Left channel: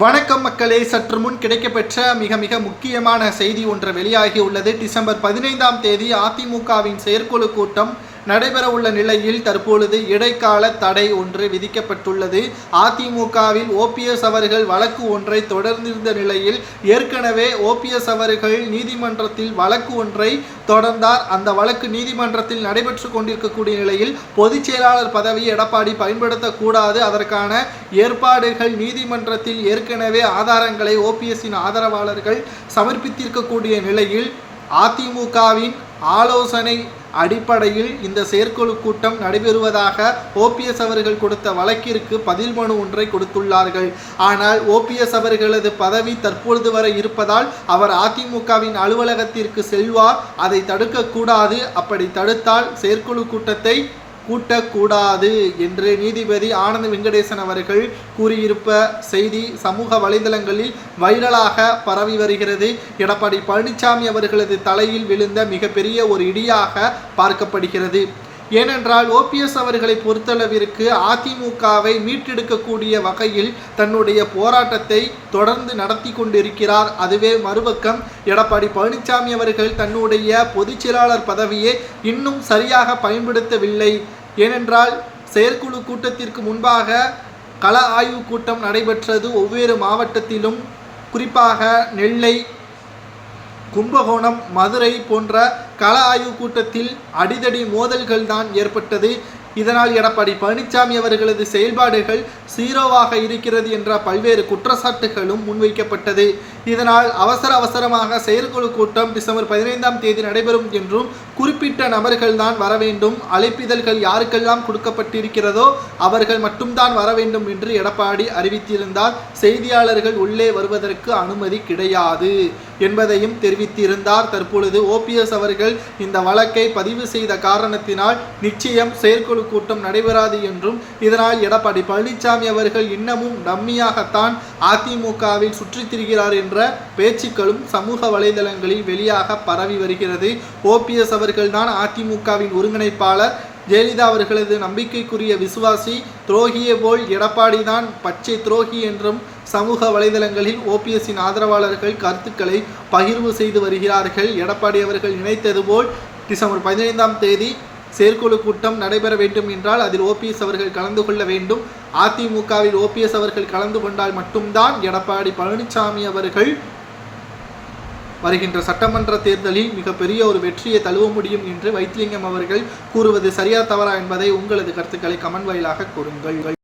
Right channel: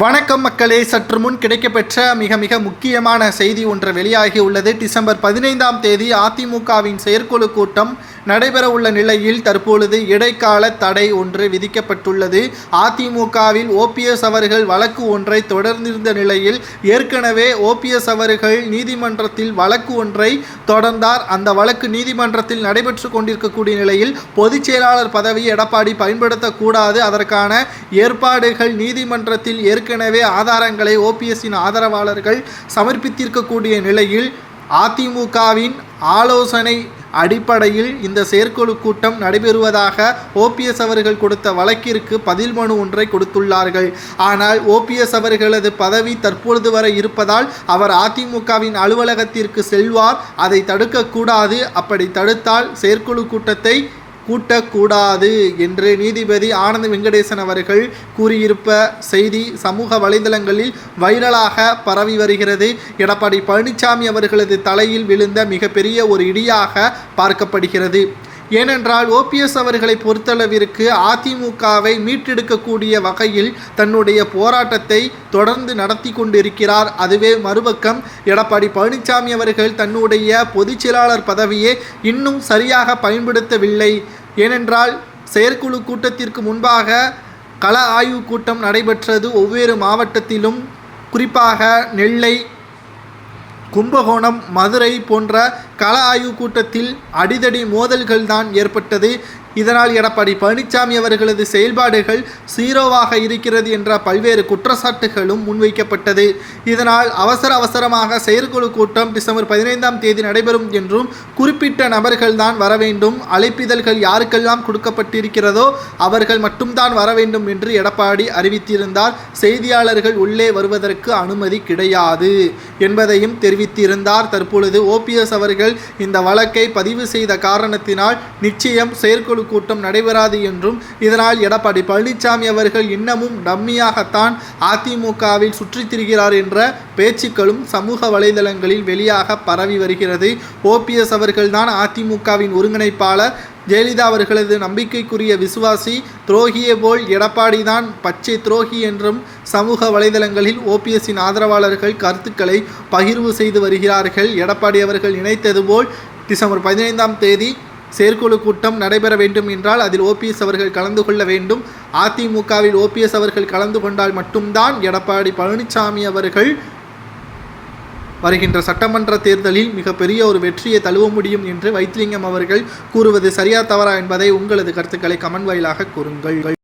வணக்கம் மக்களே, சற்று முன் கிடைக்கப்பெற்ற மிக முக்கியமான செய்தி ஒன்று வெளியாகி உள்ளது. டிசம்பர் 15ஆம் தேதி அதிமுகவின் செயற்குழு கூட்டம் நடைபெற உள்ள நிலையில் தற்பொழுது இடைக்கால தடை ஒன்று விதிக்கப்பட்டுள்ளது. அதிமுகவில் ஓபிஎஸ் அவர்கள் வழக்கு ஒன்றை தொடர்ந்திருந்த நிலையில் ஏற்கனவே ஓபிஎஸ் அவர்கள் நீதிமன்றத்தில் வழக்கு ஒன்றை தொடர்ந்தார். அந்த வழக்கு நீதிமன்றத்தில் நடைபெற்று கொண்டிருக்கக்கூடிய நிலையில் பொதுச் செயலாளர் பதவியை எடப்பாடி பயன்படுத்தக்கூடாது, அதற்கான ஏற்பாடுகள் நீதிமன்றத்தில் ஏற்கனவே ஆதாரங்களை ஓபிஎஸ்ஸின் ஆதரவாளர்கள் சமர்ப்பித்திருக்கக்கூடிய நிலையில் அதிமுகவின் ஆலோசனை அடிப்படையில் இந்த செயற்குழு கூட்டம் நடைபெறுவதாக ஓபிஎஸ் அவர்கள் கொடுத்த வழக்கிற்கு பதில் மனு ஒன்றை கொடுத்துள்ளார்கள். ஆனால் ஓபிஎஸ் அவர்களது பதவி தற்பொழுது வரை இருப்பதால் அவர் அதிமுகவின் அலுவலகத்திற்கு செல்வார். அதை தடுக்கக்கூடாது, அப்படி தடுத்தால் செயற்குழு கூட்டத்தை கூட்டக்கூடாது என்று நீதிபதி ஆனந்த் வெங்கடேசன் அவர்கள் கூறியிருப்ப செய்தி சமூக வலைதளங்களில் வைரலாக பரவி வருகிறது. எடப்பாடி பழனிசாமி அவர்களது தலையில் விழுந்த மிகப்பெரிய ஒரு இடியாக பார்க்கப்படுகிறது. ஏனென்றால் ஓபிஎஸ் அவர்களை பொறுத்தளவிற்கு அதிமுகவை மீட்டெடுக்கக்கூடிய வகையில் தன்னுடைய போராட்டத்தை தொடர்ந்து நடத்தி கொண்டிருக்கிறார். அதுவே மறுபக்கம் எடப்பாடி பழனிசாமி அவர்கள் தன்னுடைய பொதுச் செயலாளர் பதவியை இன்னும் சரியாக பயன்படுத்தவில்லை. ஏனென்றால் செயற்குழு கூட்டத்திற்கு முன்பாக கள ஆய்வு கூட்டம் நடைபெற்றது. ஒவ்வொரு மாவட்டத்திலும் குறிப்பாக நெல்லை, கும்பகோணம், மதுரை போன்ற கள ஆய்வு கூட்டத்தில் அடிதடி மோதல்கள் தான் ஏற்பட்டது. இதனால் எடப்பாடி பழனிசாமி அவர்களது செயல்பாடுகள் சீரோவாக இருக்கிறது என்ற பல்வேறு குற்றச்சாட்டுகளும் முன்வைக்கப்பட்டது. இதனால் அவசரமாக செயற்குழு கூட்டம் டிசம்பர் 15ஆம் தேதி நடைபெறும் என்றும் குறிப்பிட்ட நபர்கள் தான் வர வேண்டும், அழைப்பிதழ்கள் யாருக்கெல்லாம் கொடுக்கப்பட்டிருக்கிறதோ அவர்கள் மட்டும்தான் வர வேண்டும் என்று எடப்பாடி அறிவித்திருந்தார். செய்தியாளர்கள் உள்ளே வருவதற்கு அனுமதி கிடையாது என்பதையும் தெரிவித்திருந்தார். தற்பொழுது ஓபிஎஸ் அவர்கள் இந்த வழக்கை பதிவு செய்த காரணத்தினால் நிச்சயம் செயற்குழு கூட்டம் நடைபெறாது என்றும், இதனால் எடப்பாடி பழனிசாமி அவர்கள் இன்னமும் டம்மியாகத்தான் அதிமுகவில் சுற்றித் திரிகிறார் என்ற பேச்சுக்களும் சமூக வலைதளங்களில் வெளியாக பரவி வருகிறது. ஓபிஎஸ் அவர்கள்தான் அதிமுகவின் ஒருங்கிணைப்பாளர். ஜெயலலிதா அவர்களது நம்பிக்கைக்குரிய விசுவாசி. துரோகியே போல் எடப்பாடி தான் பச்சை துரோகி என்றும் சமூக வலைதளங்களில் ஓபிஎஸ்ஸின் ஆதரவாளர்கள் கருத்துக்களை பகிர்வு செய்து வருகிறார்கள். எடப்பாடி அவர்கள் நினைத்தது போல் டிசம்பர் 15ஆம் தேதி செயற்குழு கூட்டம் நடைபெற வேண்டும் என்றால் அதில் ஓபிஎஸ் அவர்கள் கலந்து கொள்ள வேண்டும். அதிமுகவில் ஓபிஎஸ் அவர்கள் கலந்து கொண்டால் மட்டும்தான் எடப்பாடி பழனிசாமி அவர்கள் வருகின்ற சட்டமன்ற தேர்தலில் மிகப்பெரிய ஒரு வெற்றியை தழுவ முடியும் என்று வைத்திலிங்கம் அவர்கள் கூறுவது சரியா தவறா என்பதை உங்களது கருத்துக்களை கமெண்ட் வாயிலாக கூறுங்கள்.